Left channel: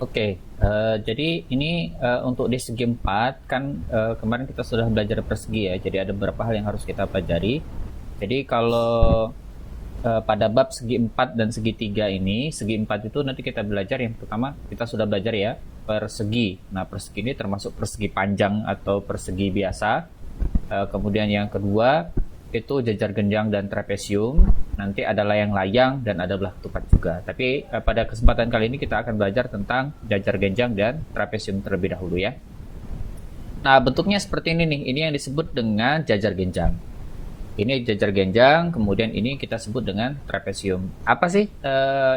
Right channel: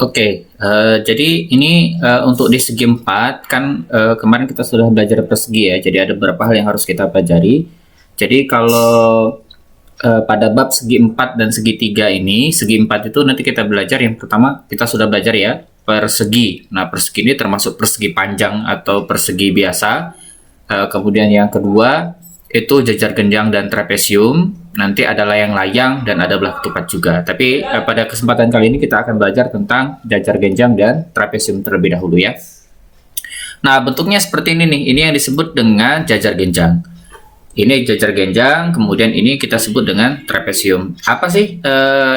Oke, jadi ini untuk di segi 4 kan kemarin kita sudah belajar persegi ya, jadi ada beberapa hal yang harus kita pelajari. Jadi kalau pada bab segi 4 dan segitiga ini, segi 4 itu nanti kita belajar yang pertama kita sudah belajar ya, persegi. Nah, persegi ini termasuk persegi panjang atau persegi biasa. Kemudian yang kedua itu jajar genjang dan trapesium. Nanti ada layang-layang dan ada belah ketupat juga. Tapi pada kesempatan kali ini kita akan belajar tentang jajar genjang dan trapesium terlebih dahulu ya. Nah, bentuknya seperti ini nih. Ini yang disebut dengan jajar genjang. Ini jajar genjang, kemudian ini kita sebut dengan trapesium. Apa sih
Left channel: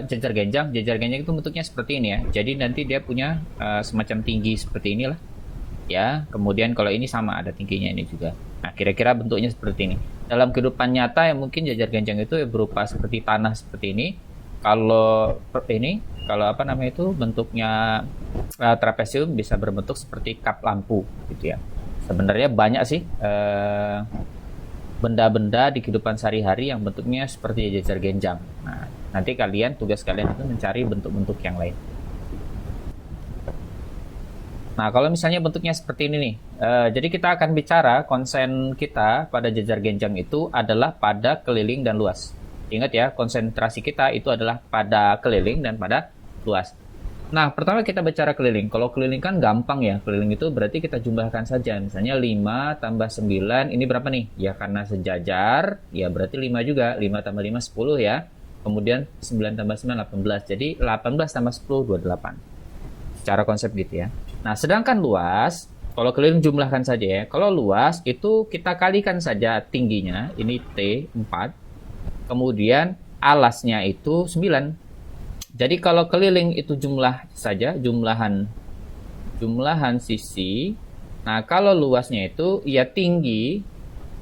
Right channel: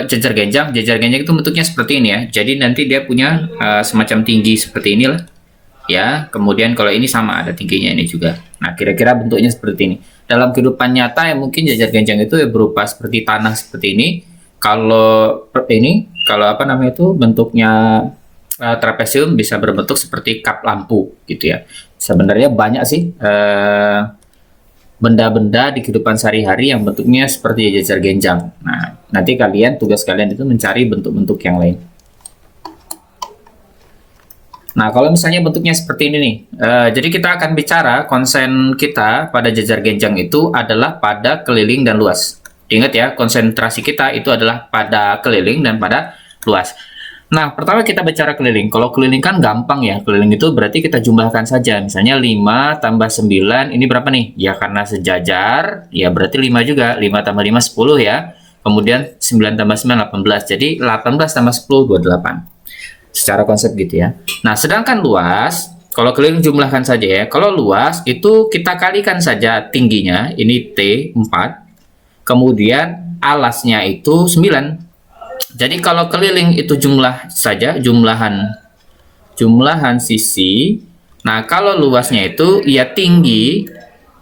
jajar genjang? Jajar genjang itu bentuknya seperti ini ya. Jadi nanti dia punya semacam tinggi seperti inilah. Ya, kemudian kalau ini sama ada tingginya ini juga. Nah, kira-kira bentuknya seperti ini. Dalam kehidupan nyata yang mungkin jajar genjang itu ya berupa seperti tanah seperti ini. Kalau apa namanya itu bentuknya trapesium bisa berbentuk seperti kap lampu gitu ya. Sebenarnya banyak sih benda-benda di kehidupan sehari-hari yang bentuknya seperti jajar genjang. Nah, nanti tugas kalian itu mencari bentuk-bentuk yang lain. Nah, kalau misalnya bentuknya seperti ini nih, jadi kita akan bicara konsen kita pada jajar genjang itu adalah pada keliling dan luas. Ingat ya, konsentrasi kita itu adalah pada keliling dan pada luas. Nah, pertama kita bicara keliling. Kalau keliling kan gampang ya, keliling itu berarti kita jumlahkan saja. Misalnya 5 tambah 9, ini berapa nih? Ya karena sejajar, ya berarti 5 juga. 5 tambah 5, 10 ya. Kemudian 9 tambah 9, 18. Jadi 18 tambah 10, 28. Secara konsep gitu ya. Nah, sedangkan luas, kalau keliling jumlahkan saja ya. Kalau luas itu kita kalikan saja tingginya, ini T 4. Kemudian alasnya itu 9. Jadi kalau keliling itu jumlah saja, jumlahan sisi. Nah, kalau luasnya itu ya tinggi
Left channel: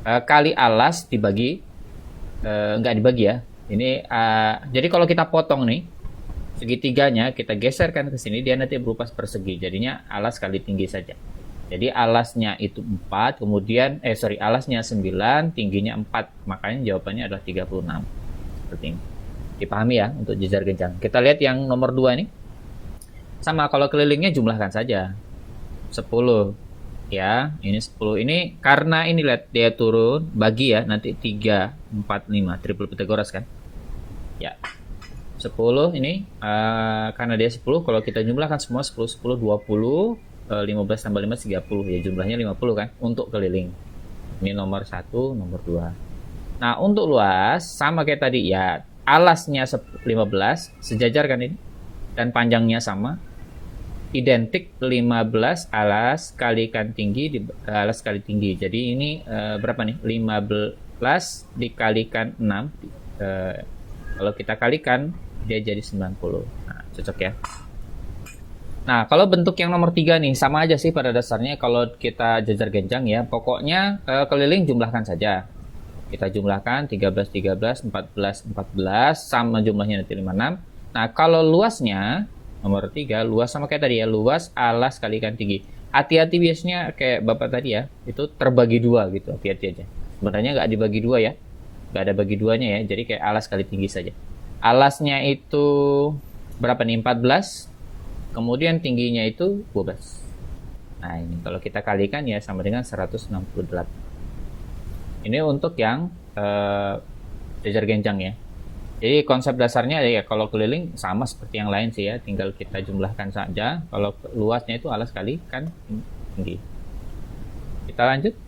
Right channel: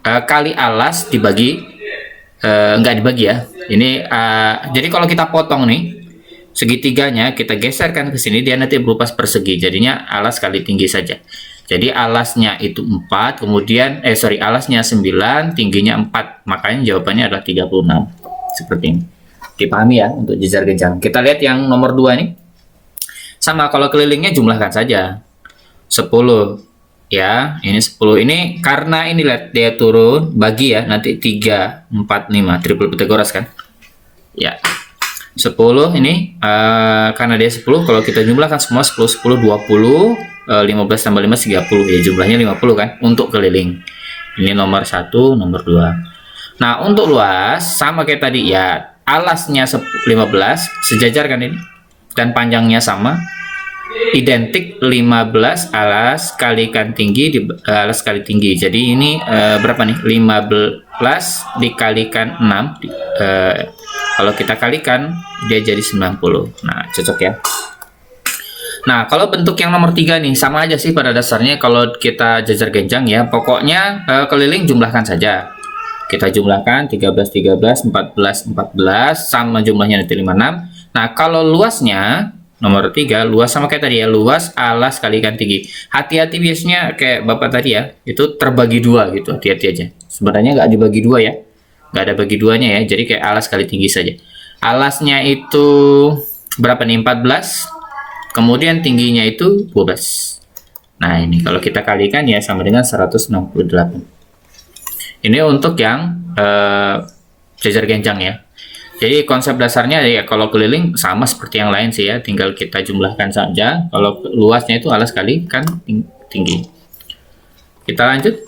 kali alas dibagi enggak dibagi ya. Ini jadi kalau kita potong nih segitiganya kita geserkan ke sini, dia nanti berupa persegi. Jadinya alas kali tinggi saja. Jadi alasnya itu 4, kemudian alasnya 9, tingginya 4. Makanya jawabannya adalah 36. Seperti ini. Dipahami ya untuk jajar genjang. Kita lihat yang nomor 2 nih. Sama, kalau kelilingnya jumlahkan saja. 10. Ya, ini 10. Ini karena ini lihat dia turun, bagi ya, nanti 3, 4, 5. Triple Pythagoras kan? Ya. 10 ini karena dia 10, kalau kita jumlahkan semua 10, 10, 20, 15 tambah 5, 30 ya, jumlahnya 50 kan untuk keliling. Ini nomor 1, nomor 2. Nah, untuk luas sama kayak tadi ya, alasnya 15 sejajar kan ini, dan panjangnya sama, identik 15 alas kalikan tinggi alas kali tinggi. Jadi ini berapa nih? 15 dikalikan 6 kalau kita kalikan dia jadi 90. Nah, cocok ya. Nah, kalau bentuk yang nomor 3 nih sama aja sih pada dasarnya kalau kita jajar genjang ya. Pokoknya keliling jumlahkan saja. Kita jumlahkan 13, 13, 14, 14 sama jumlahnya nanti 56. Nah, kalau luasnya nomor 3, luas sama kayak tadi ya, luas alas kalikan tinggi. Hati-hati biasanya kayak Bapak tadi ya, itu terbagi 2 gitu, hati-hati aja. Sebenarnya nggak dibagi 2 ya. Nggak ada bagi duanya ya, jadi kayak alas kali tinggi saja. Alasnya itu berapa nih? 14. Kemudian tingginya itu 12. Nah, ini kalau kita kalikan ya sama dengan 168. Ini untuk yang jajar genjang ya. Jadi konsep dasarnya ya kalau keliling sama seperti yang lain sih ya, tinggal kita jumlahkan saja. Kalau luasnya itu alas kali kan tinggi. Kita lanjut.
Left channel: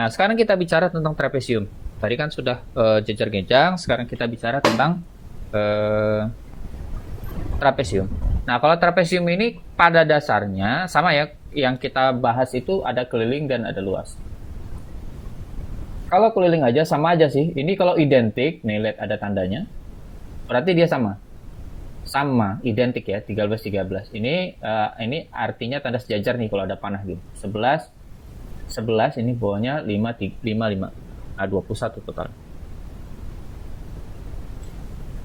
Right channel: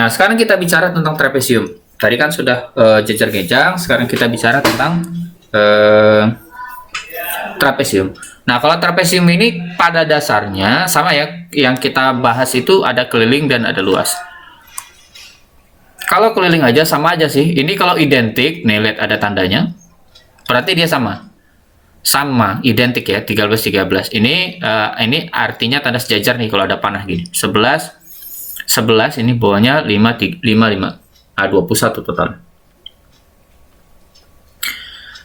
Nah, sekarang kita bicara tentang trapesium. Tadi kan sudah jajar genjang, sekarang kita bicara tentang trapesium. Nah, kalau trapesium ini pada dasarnya sama ya, yang kita bahas itu ada keliling dan ada luas. Kalau keliling aja sama aja sih. Ini kalau identik, nih lihat ada tandanya. Berarti dia sama. Sama, identik ya, 13 13. Ini artinya tanda sejajar nih kalau ada panah gini. 11 11 ini bawahnya 5 5. 21 total.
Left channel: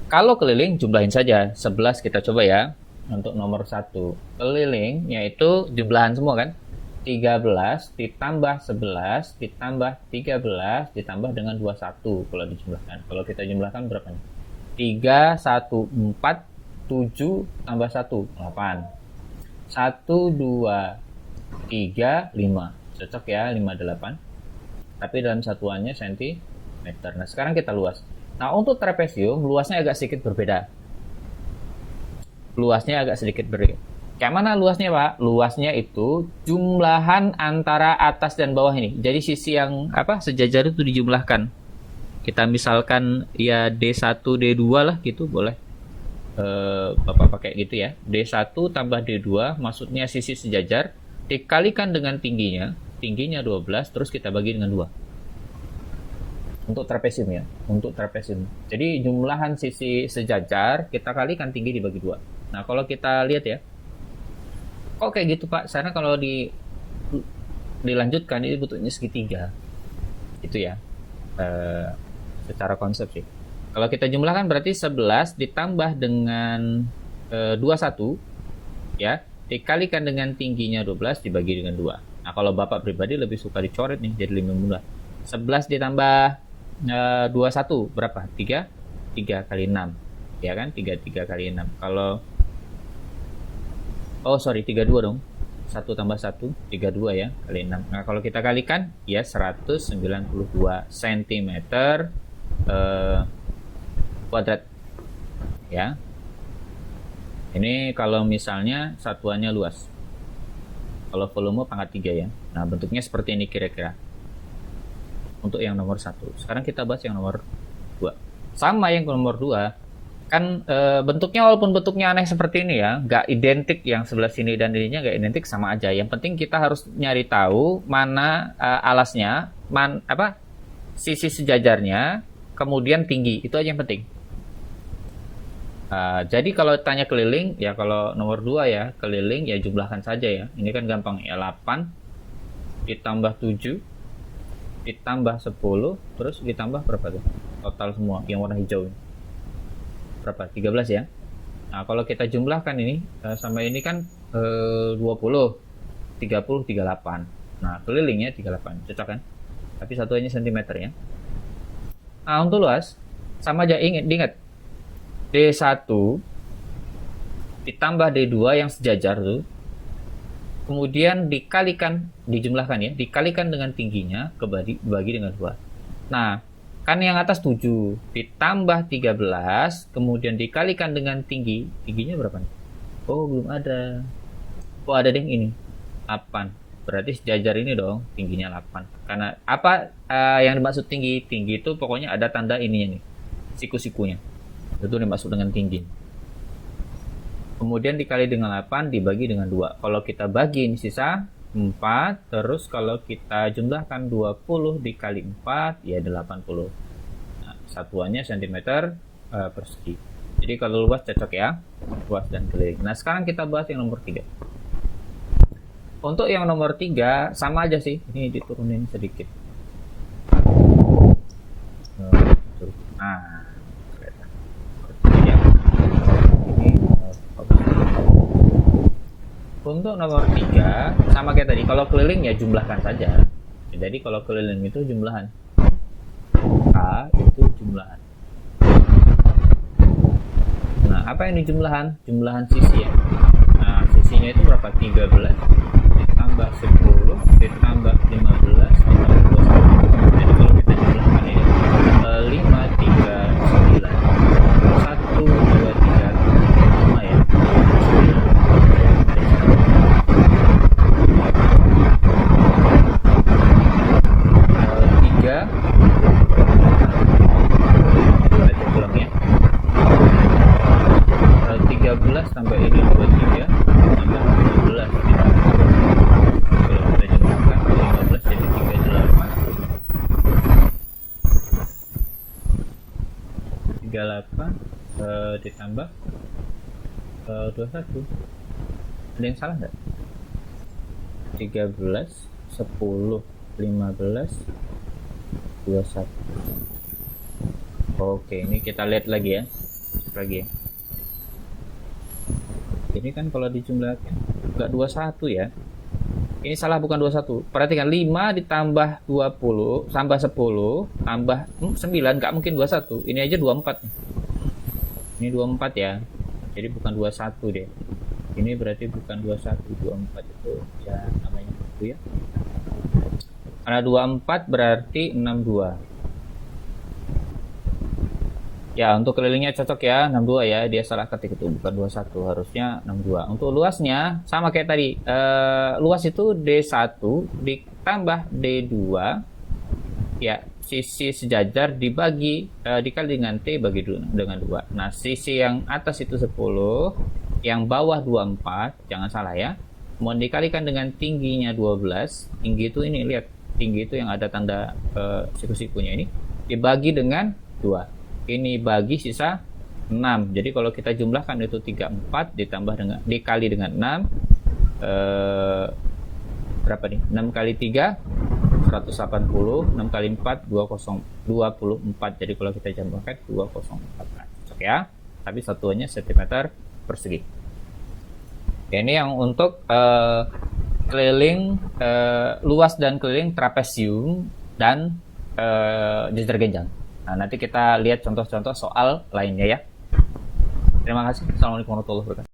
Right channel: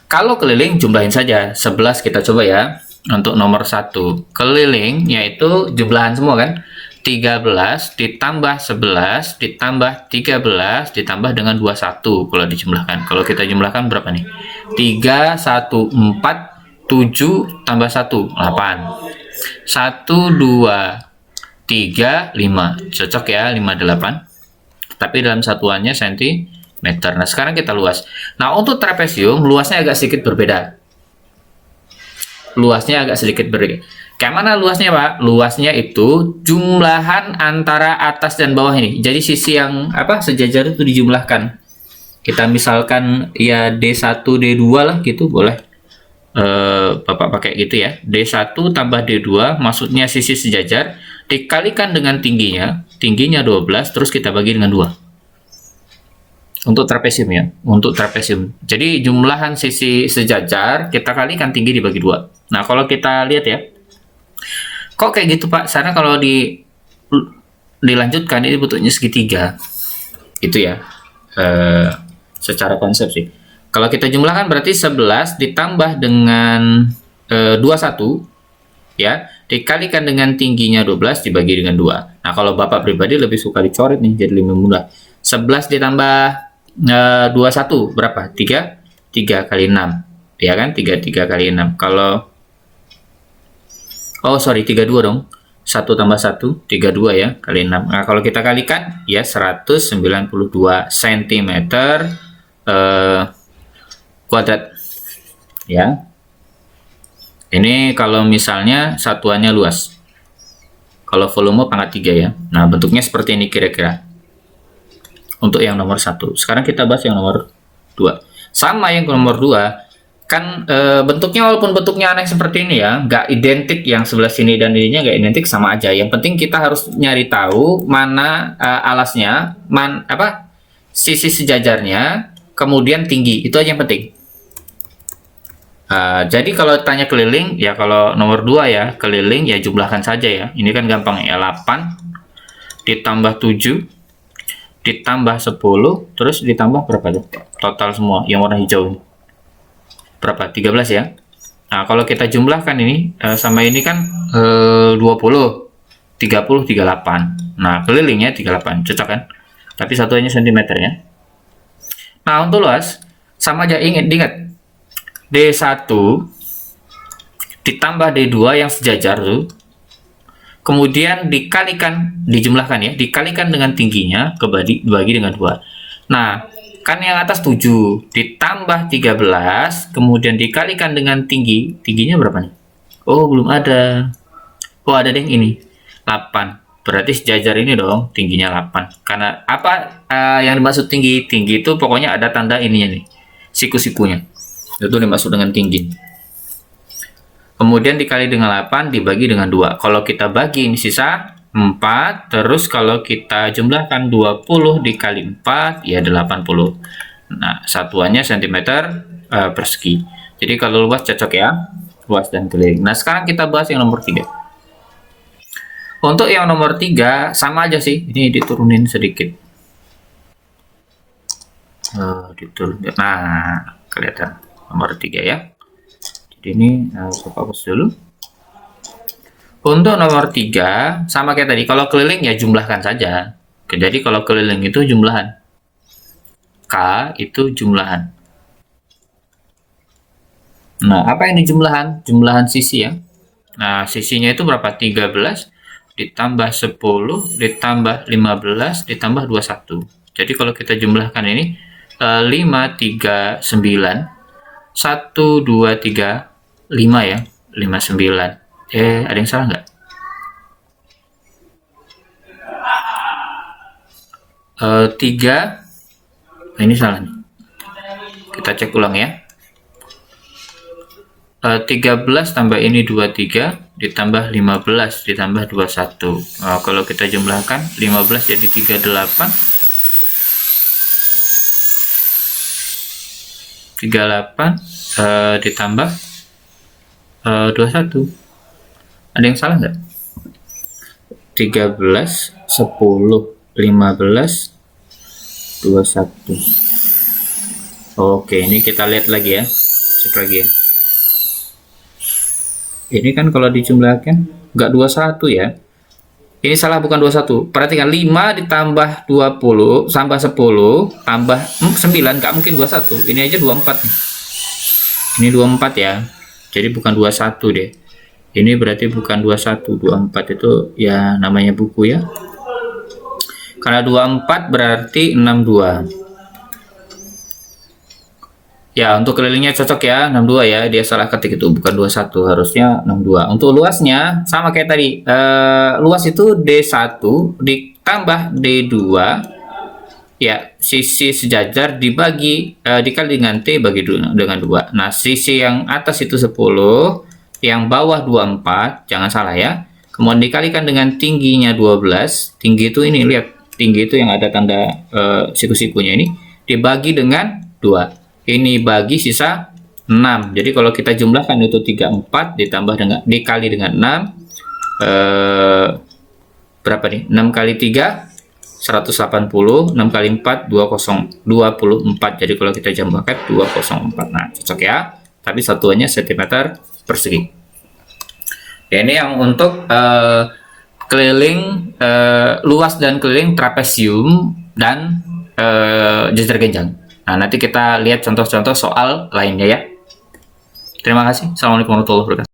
Kalau keliling jumlahin saja. 11 kita coba ya. Untuk nomor 1 keliling yaitu jumlahan semua kan. 13 ditambah 11 ditambah 13 ditambah dengan 21 kalau dijumlahkan. Kalau kita jumlahkan berapa nih? 3, 1, 4, 7 tambah 1, 8. 1, 2, 3, 5. Cocok ya, 58. Tapi dalam satuannya sentimeter. Nah, sekarang kita luas. Nah, untuk trapesium luasnya agak sedikit berbeda. Luasnya agak sedikit berbeda. Kayak mana luasnya, Pak? Luasnya itu jumlahan antara atas dan bawah ini. Jadi sisi yang sejajar itu dijumlahkan. Kita misalkan ya D1, D2 lah gitu, boleh. Bapak pakai gitu ya. D1 tambah D2, maksudnya sisi sejajar, dikalikan dengan tingginya. Tingginya 12, terus kita bagi dengan 2. Untuk trapesium ya, untuk trapesium. Jadi jumlahan sisi sejajar kita kalikan tinggi dibagi 2. Nah, kalau kita lihat ya, kok kayak gitu Pak? Karena kalau dilanjutkan ini bentuknya segitiga, itu ya, secara konsep sih. Kalau kita jumlahkan berarti 11 ditambah dengan 21 ya, dikalikan dengan tingginya 12 dibagi dengan 2. Nah, kalau Bapak pribadi lebih suka dicoret nih, jadi lebih mudah. 11 ditambah 21 berapa? 3 kali 6 ya kan, 3 kali 6. Kalau 32 dong, 1 tambah 1 32 ya, kali 6. Nah, kalau kita kalikan ya 192 cm kuadrat ya. Ini kalau misalnya satuannya luas, kalau volume pangkat 3 ya. Nah, bentuknya seperti ini kira-kira untuk yang nomor 1. Sekarang kita bahas yang nomor 2. Sama yang nomor 2 kan bentuknya, walaupun bentuknya aneh seperti ini ya, nggak identik, yang sebelah sini dan ininya nggak identik, sama aja. Yang penting kita harus nyari tahu mana alasnya, sisi sejajarnya, kemudian tinggi, itu aja yang penting. Jadi kalau tanya keliling ya, kalau nomor 2 ya keliling ya jumlahkan saja ya. Ini kan gampang ya, 8 ditambah 7 ditambah 10 terus ditambah berapa tuh? Total semua yang warna hijau berapa? 13 ya. Nah, kalau kita jumlahkan ini sama ini kan 20 30 38. Nah, kelilingnya 38, cocok kan? Tapi satuannya cm ya. Nah, untuk luas sama aja, ingat D1 ditambah D2 yang sejajar tuh, kemudian dijumlahkan ya, dikalikan dengan tingginya, dibagi dengan 2. Nah, kan yang atas 7 ditambah 13, kemudian dikalikan dengan tingginya berapa nih? Oh, belum ada. Oh, ada deh ini, 8. Berarti sejajar ini dong, tingginya 8. Karena apa yang dimaksud tinggi? Tinggi itu pokoknya ada tanda ininya nih, siku-sikunya. Itu dimaksud dengan tinggi. Kemudian dikali dengan 8 dibagi dengan 2. Kalau kita bagi ini sisa 4. Terus kalau kita jumlahkan 20 dikali 4 ya 80. Nah, satuannya cm persegi. Jadi kalau luas cocok ya, luas dan keliling. Nah, sekarang kita bahas yang nomor 3. Untuk yang nomor 3 sama aja sih. Ini diturunin sedikit. Nah, kelihatan nomor 3 ya. Ini harus fokus dulu. Untuk nomor 3 sama kayak tadi, kalau keliling ya jumlahkan saja. Jadi kalau keliling itu jumlahan, K itu jumlahan. Nah, apa yang dijumlahan? Jumlahan sisi ya. Nah, sisinya itu berapa? 13 ditambah 10 ditambah 15 ditambah 21. Jadi kalau kita jumlahkan ini 5, 3, 9 1, 2, 3, 5 ya, 5, 9. Ada yang salah nggak? Tiga. Nah, ini salah. Kita cek ulang ya. 13 tambah ini 23 ditambah 15 ditambah 21. Kalau kita jumlahkan 15 jadi 38 ditambah 21. Ada yang salah nggak? 13 10 15 21. Oke, ini kita lihat lagi ya, cek lagi ya. Ini kan kalau dijumlahkan nggak 21 ya, Ini salah, bukan 21. Perhatikan 5 ditambah 20 tambah 10 tambah 9 nggak mungkin 21. Ini aja 24 nih. Ini 24 ya. Jadi bukan 21 deh. Ini berarti bukan 21, 24 itu ya namanya buku ya. Karena 24 berarti 62. Ya, untuk kelilingnya cocok ya, 62 ya. Dia salah ketik itu, bukan 21, harusnya 62. Untuk luasnya sama kayak tadi. Luas itu D1 ditambah D2. Ya, sisi sejajar dikali dengan T bagi dengan 2. Nah, sisi yang atas itu 10, yang bawah 24, jangan salah ya. Kemudian dikalikan dengan tingginya 12. Tinggi itu ini, lihat. Tinggi itu yang ada tanda siku-sikunya ini dibagi dengan 2. Ini bagi sisa 6. Jadi kalau kita jumlahkan itu 34 ditambah dengan dikali dengan 6, berapa nih? 6 kali 3 180, 6 kali 4 24. Jadi kalau kita jumlahkan 204. Nah, cocok ya. Tapi satuannya cm persegi. Ya, ini yang untuk keliling luas dan keliling trapesium dan jajar genjang. Nah, nanti kita lihat contoh-contoh soal lainnya ya. Terima kasih. Assalamualaikum warahmatullahi wabarakatuh.